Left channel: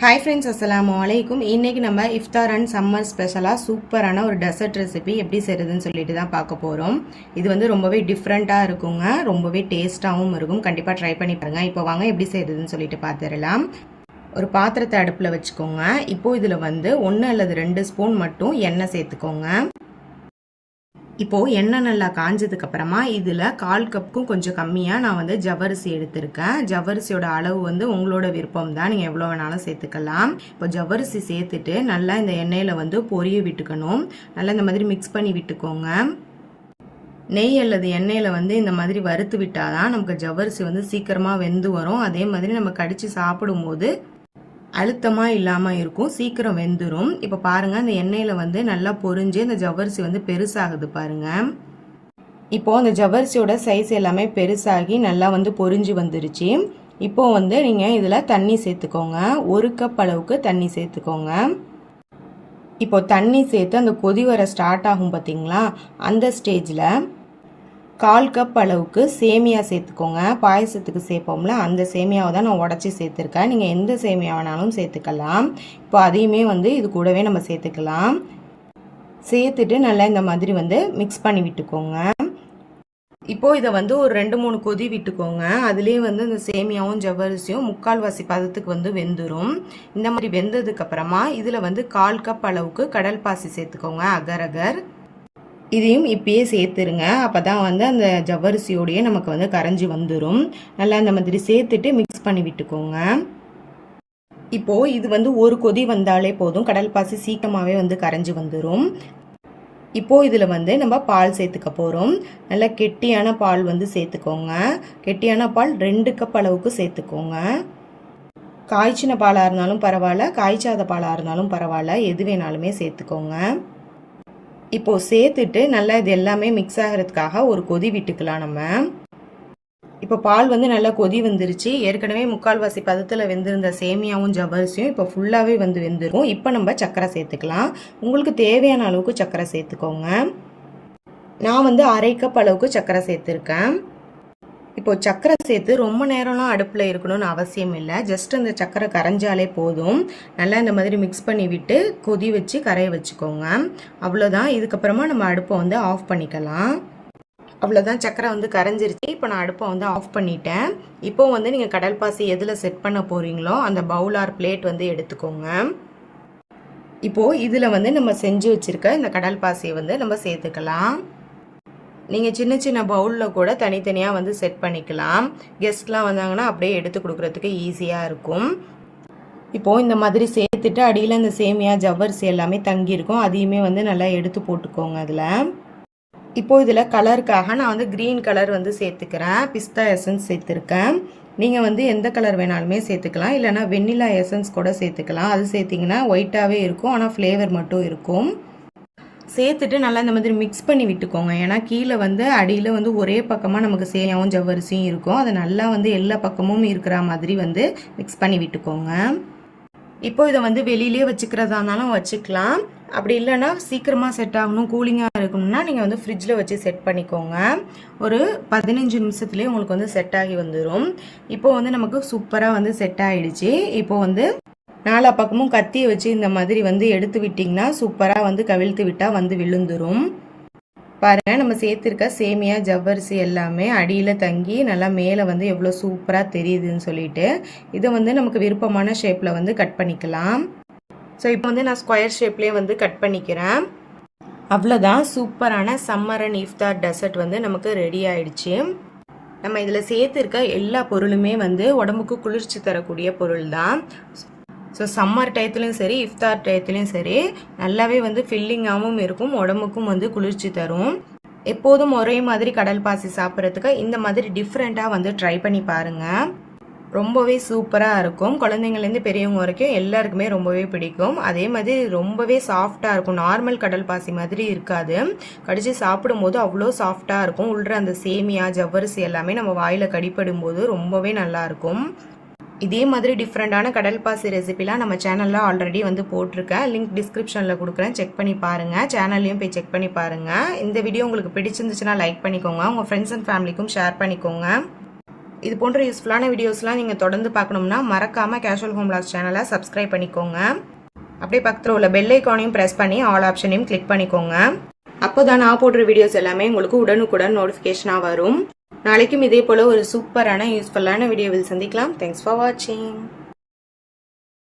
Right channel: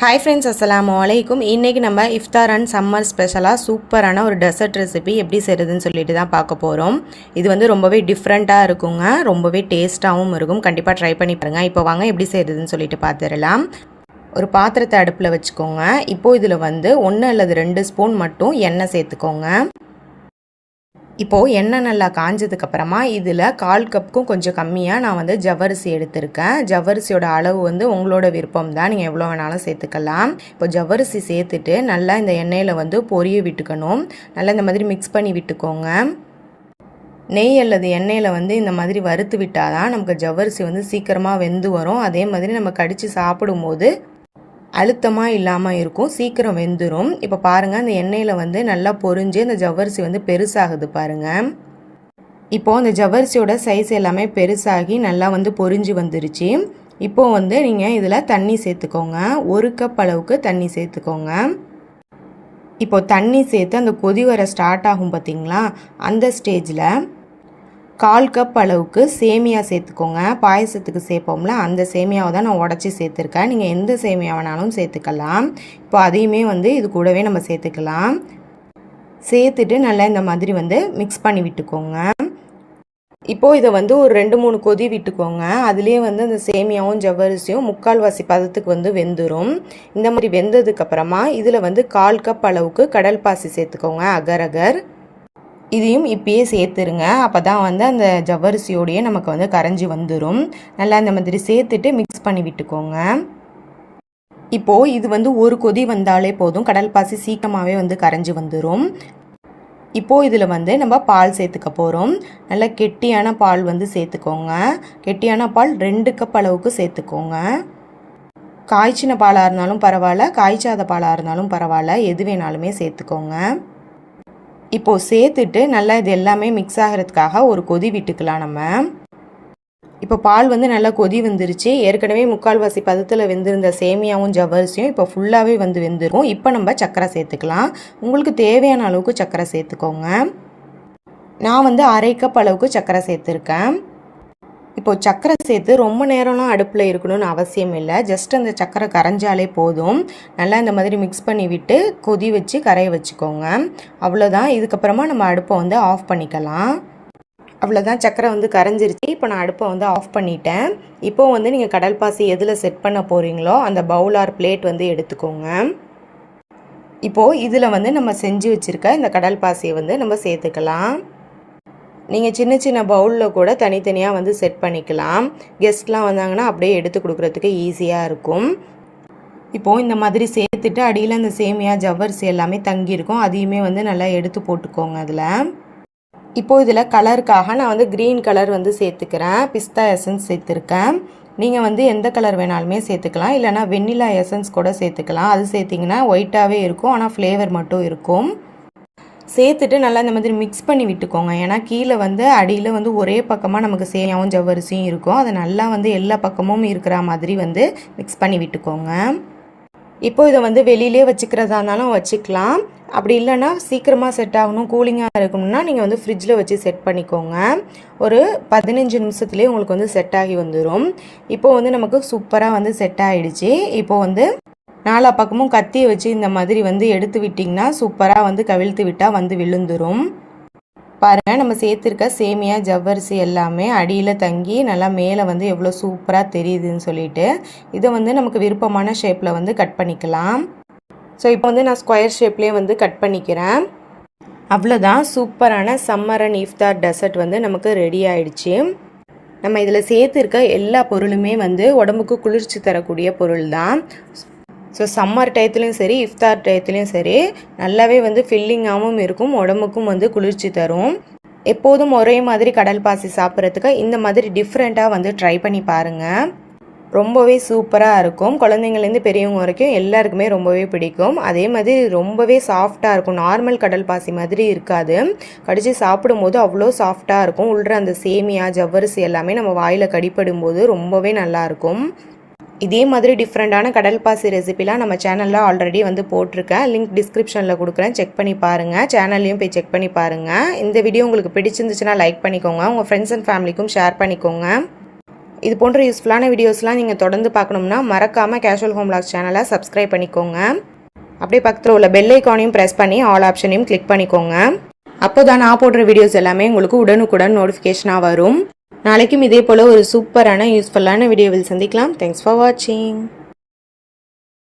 Hi friends அஸ்ஸலாமு வலைக்கும் இன்றைக்கி நம்ம இஃப்தார் அண்ட் சம்மர் ஸ்பெஷலாக சூப்பரான ஒரு டெசர்ட் ரெசிபி எப்படி செய்கிறதுன்னு சொல்லிட்டு தான் பார்க்க போகிறோம் இது வந்து ரொம்பவே டிஃப்ரெண்ட்டாக இருக்குங்க. ரொம்பவே டேஸ்ட்டாகவும் இருக்கும். கண்டிப்பாக ட்ரை பண்ணி பாருங்கள் இப்போ வாங்க எப்படி செய்கிறதுன்னு சொல்லிட்டு பார்த்துடலாம். ஒரு பாத்திரத்தை அடுப்பில் வச்சுக்கோங்க. இப்போது இதில் வந்து ஒன்று அல்லது ரெண்டு ஸ்பூன் மட்டும் எண்ணெய் சேர்த்துக்கோங்க. இப்போது எண்ணெய் நல்லா காஞ்சதுக்கப்புறமா இதில் கால் கப்புக்கும் கொஞ்சம் கம்மியாக நான் வந்து ஜவ்வரிசி எடுத்திருக்கேன். ஜவ்வரிசியோட அளவு வந்து உங்களோட விருப்பம் தான். நீங்கள் எவ்வளோ வேணாலும் சேர்த்துக்கலாம். இப்போ ஜவ்வரிசி சேர்த்துட்டு நல்லா இந்த எண்ணெயில் வந்து பொரிய விட்டுக்கணும். நல்லா இந்த மாதிரி மிக்ஸ் பண்ணி விட்டுக்கோங்க. நெய் அல்லது எண்ணெயில் வந்து இந்த மாதிரி வறுத்து விட்டால் தான் நமக்கு ஜவ்வரிசி வந்து சீக்கிரமாக வெந்து வரும். அதே மாதிரி நம்ம கடித்து சாப்பிடும்போது அழுத்தமாக இல்லாமல் இருக்கும். சீக்கிரம் வெந்துடும் இப்போ பாருங்கள் அந்த எண்ணெயில் வந்து நல்லா பொரிஞ்சு அந்த ஜவ்வரிசி வந்து பெருசாகுது பாருங்கள் இப்போது அந்த ஜவ்வரிசியோட சைஸ் எல்லாமே பெருசாகி நல்லா வந்து பொரிஞ்சு வந்துருச்சு. இப்போது வந்து நீங்கள் இதில் தண்ணி சேர்த்துக்கோங்க. ஒரு கப் அளவுக்கு தண்ணி சேர்த்துக்கோங்க. இப்போது தண்ணி சேர்த்து அந்த கொதி வர ஸ்டார்ட் ஆகும் பார்த்தீங்களா அந்த ஸ்டேஜில் கால் கப் அளவுக்கு சேமியா சேர்த்துக்கோங்க. பாயசத்துக்கு சேர்ப்போம்ல அந்த சேமியாவை தான் நான் உடச்சி சேர்த்துருக்கேன். நீங்கள் எந்த சேமியா வேணாலும் சேர்த்துக்கலாம். இப்போ அதையுமே வந்து இது கூடவே நம்ம சேர்த்துக்கலாம். சேர்த்துட்டு நல்லா இந்த மாதிரி வந்து மிக்ஸ் பண்ணி விட்டுக்கோங்க. இப்போது இதை வந்து ஒரு ரெண்டு மூணு கொதி விட்டுக்கோங்க. அதுலேயே வந்து அந்த சேமியாவும் ஜவ்வரிசியும் முக்கால்வாசி பதத்துக்கு வந்து வெந்துடும் இந்த மாதிரி வெந்ததுக்கப்புறமா இதில் வந்து கால் கப் அளவுக்கு கடல் பாசி சேர்த்துக்கோங்க அகர் அகர். இதையும் இப்பயே சேர்த்துருங்க. அப்போ தான் வந்து அந்த ஜவ்வரிசியோடையே நமக்கு வந்து கரைஞ்சி வந்துடும் நல்லா இந்த மாதிரி சேர்த்துட்டு மிக்ஸ் பண்ணி விட்டுக்கோங்க. இப்போது இது வந்து ஒரு கொதி வந்தாலே போதும். கடல் பாசி சீக்கிரமாகவே வந்து கரைஞ்சி வந்துடும் இப்போது இதில் வந்து நம்ம பால் சேர்த்துக்க போகிறோம் நல்லா கெட்டியான பால் வந்து சேர்த்துக்கோங்க. கெட்டியான பால் ரெண்டு கப் அளவுக்கு சேர்த்துக்கோங்க. காய்ச்சின பாலாக இருந்தாலும் பரவாயில்ல. காய்ச்சாத பாலாக இருந்தாலும் பரவாயில்ல. எது வேணாலுமே சேர்த்துக்கோங்க. இப்போது சேர்த்துட்டு நல்லா இது எல்லாமே மிக்ஸ் ஆகிறதுக்காக ஒரு கொதி விட்டுக்கலாம் நம்ம. இப்போ பால் வந்து நல்லா கொதி வந்துருச்சு. ஏற்கனவே முக்கால்வாசி பதத்தில் வெந்திருந்த சேமியாவும் ஜவ்வரிசியும் இப்போ ஃபுல்லாகவே வந்து வெந்திருக்கும். இப்போ நம்ம சர்க்கரை சேர்த்துக்கலாம். உங்களுக்கு தேவையான அளவுக்கு சர்க்கரை சேர்த்துக்கோங்க. நான் வந்து அரை கப் அளவுக்கு சர்க்கரை சேர்த்துருக்கேன். இப்போது சக்கரை சேர்த்து ரொம்ப நேரம்லாம் அடுப்பில் இருக்கணும்னு அவசியம் இல்லை. ஜஸ்ட் அந்த சக்கரை கரைஞ்சாலே போதும். நல்லா இந்த மாதிரி மிக்ஸ் பண்ணி விட்டு கொதி வச்சு கரைய வச்சுக்கோங்க. அவ்வளோதான் இதுக்கப்புறமா நம்ம அடுப்பை வந்து ஆஃப் பண்ணிக்கலாம். அவ்வளோதான் சக்கரை வந்து கரைஞ்சிருச்சு. இப்போ நான் அடுப்பை வந்து ஆஃப் பண்ணிட்டேன். இப்போ வந்து நீங்கள் கடல் பாசி எதில் செட் பண்ண போகிறீங்களோ அந்த பவுல் ஆர் பிளேட் வந்து எடுத்துக்கோங்க. இப்போது இதில் வந்து நம்ம செஞ்சு வச்சுருக்க இந்த கடல் பாசியை வந்து நம்ம சேர்த்துக்கலாம். நீங்கள் சின்ன சின்ன பவுலில் கூட தனித்தனியாக வந்து செட் பண்ணிக்கலாம். கெஸ்ட்லாம் வந்தாங்கன்னா அப்படியே எடுத்து கொடுக்குறதுக்கு ஈஸியாக இருக்கும். இப்போது இந்த மாதிரி சேர்த்துட்டு அடியில் அந்த சேமியா ஜவ்வரிசி எல்லாமே தங்கியிருக்கும். அதையுமே வந்து நல்லா எடுத்து போட்டுக்கோங்க அதில். இப்போது இதில் கலருக்காக நான் வந்து க்ரீன் கலர் வந்து சேர்த்துக்கிறேன். பிஸ்தா எசன்ஸ் சேர்த்துருக்கேன். நீங்கள் வந்து எந்த கலர் வேணாலுமே சேர்த்துக்கலாம். இல்லைனா வெண்ணிலா எசன்ஸ் கூட சேர்த்துக்கலாம். அது சேர்த்திங்கன்னா ஒயிட்டாகவே இருக்கும். ஆனால் ஃப்ளேவர் மட்டும் இருக்கும். சேர்த்துட்டு நல்லா இந்த மாதிரி மிக்ஸ் பண்ணி விட்டுக்கோங்க. ஏன்னா கீழே வந்து அடியில் வந்து ஒரே பக்கமாக நமக்கு சேயாவும் ஜவ்வரிசியும் இருக்கும். அதை நல்லா வந்து எல்லா பக்கமும் இருக்கிற மாதிரி வந்து மிக்ஸ் பண்ணி விட்டுக்கோங்க. இப்போ இதை வந்து வெளியிலே வச்சுக்கிறதா இருந்தாலும் வச்சுக்கலாம். அப்படி இல்லைன்னா சீக்கிரமாக செட் ஆகணும் கூலிங்காக இருக்கணும்னா நீங்கள் வந்து ஃப்ரிட்ஜில் வச்சு செட் பண்ணிக்கோங்க. ஒரு பதினஞ்சு நிமிஷத்துலேயே உங்களுக்கு வந்து செட் ஆகி வந்துடும் இப்போ வந்து நமக்கு சூப்பராக வந்து செட் ஆகிடுச்சு இப்போ வந்து நாலா பக்கமும் கத்தியை வச்சு இந்த மாதிரி வந்து எடுத்து விட்டிங்கன்னா சூப்பராக வந்து கவிழ்த்து விட்டால் வந்து விழுந்துடும் பாருங்கள் நம்ம சேர்த்துருக்க சேமியா ஜவ்வரிசி எல்லாமே அடியில் தங்கி நல்லா மேலே வந்து எவ்வளோ சூப்பராக தெரியுதுன்னு சொல்லிட்டு இதை வந்து நமக்கு விருப்பமான ஷேப்பில் வந்து கட் பண்ணிக்கலாம். ஸோ இப்போ வந்து நான் ஸ்கொயர் ஷேப்லேயே வந்து கட் பண்ணிக்கிறேன். அவ்வளோதான் சூப்பரான சம்மர் அண்ட் இஃப்தார் டெசர்ட் வந்து நமக்கு ரெடி ஆயிடுச்சு. நம்ம இதில் சேர்த்துருக்க எல்லா பொருளுமே வந்து உடம்புக்கு குளிர்ச்சி தரக்கூடிய பொருள் தான் ஸோ சம்மர் டயத்துலையும் சரி இஃப்தார் டயத்துலையும் சரி நல்லாவே வந்து ஃபில்லிங்காகவும் இருக்கும் உடம்புக்கும் வந்து குளிர்ச்சி தரும். எப்போதும் ஒரே மாதிரி கடல் பாசி சாப்பிட்றதுக்கு இந்த மாதிரி டிஃப்ரெண்ட்டாக வந்து ட்ரை பண்ணி பாருங்கள் ரொம்பவே சூப்பராக இருக்கும். குழந்தைங்கள்லேருந்து பெரியவங்க வரைக்கும் எல்லாருக்குமே ரொம்பவே பிடிக்கும். அதே மாதிரி ரொம்பவே சாஃப்டாக இருக்கும். நார்மல் கடல் பாசி மாதிரி இருக்காது. கடித்து சாப்பிடும்போது அவ்வளோ சாஃப்டாக இருக்கும். உள்ள அந்த சேமியா ஜவ்வரிசி எல்லாமே நம்ம வாயில் கடிப்படும் போது ரொம்பவே நல்லாயிருக்கும் இதே மாதிரி டிஃப்ரெண்ட்டான கடல் பாசி ரெசிபிலாம் நம்ம சேனலில் ஆல்ரெடி வந்து போட்டிருக்கேன் லிங்க் டிஸ்கிரிப்ஷனில் கொடுக்குறேன். செக் பண்ணி பாருங்கள் சேனல்லையும் போய் செக் பண்ணி பாருங்கள் இந்த வீடியோ உங்களுக்கு பிடிச்சிருந்துச்சுன்னா லைக் பண்ணிக்கோங்க. உங்கள் ஃப்ரெண்ட்ஸ் அண்ட் ஃபேமிலிக்கும் ஷேர் பண்ணிக்கோங்க. இது போன்ற யூஸ்ஃபுல்லான வீடியோஸ்லாம் நீங்கள் தொடர்ந்து பார்க்கணும்னா மறக்காமல் கேஷுவல் ஹோம் லாக்ஸ் சேனலை சப்ஸ்கிரைப் பண்ணிக்கோங்க. அப்படியே பக்கத்தில் உள்ள பெல் ஐக்கானையும் ப்ரெஸ் பண்ணி ஆல் ஆப்ஷனையும் கிளிக் பண்ணிக்கோங்க. அப்போ தான் நான் போடுற வீடியோஸ் எல்லாமே உங்களுக்கு உடனுக்குடன் நோட்டிஃபிகேஷனாக வரும். நாளைக்கும் இதே போல் ஒரு சூப்பரான யூஸ்ஃபுல்லான வீடியோவில் சந்திக்கலாம். தேங்க்ஸ் ஃபார் வாட்சிங்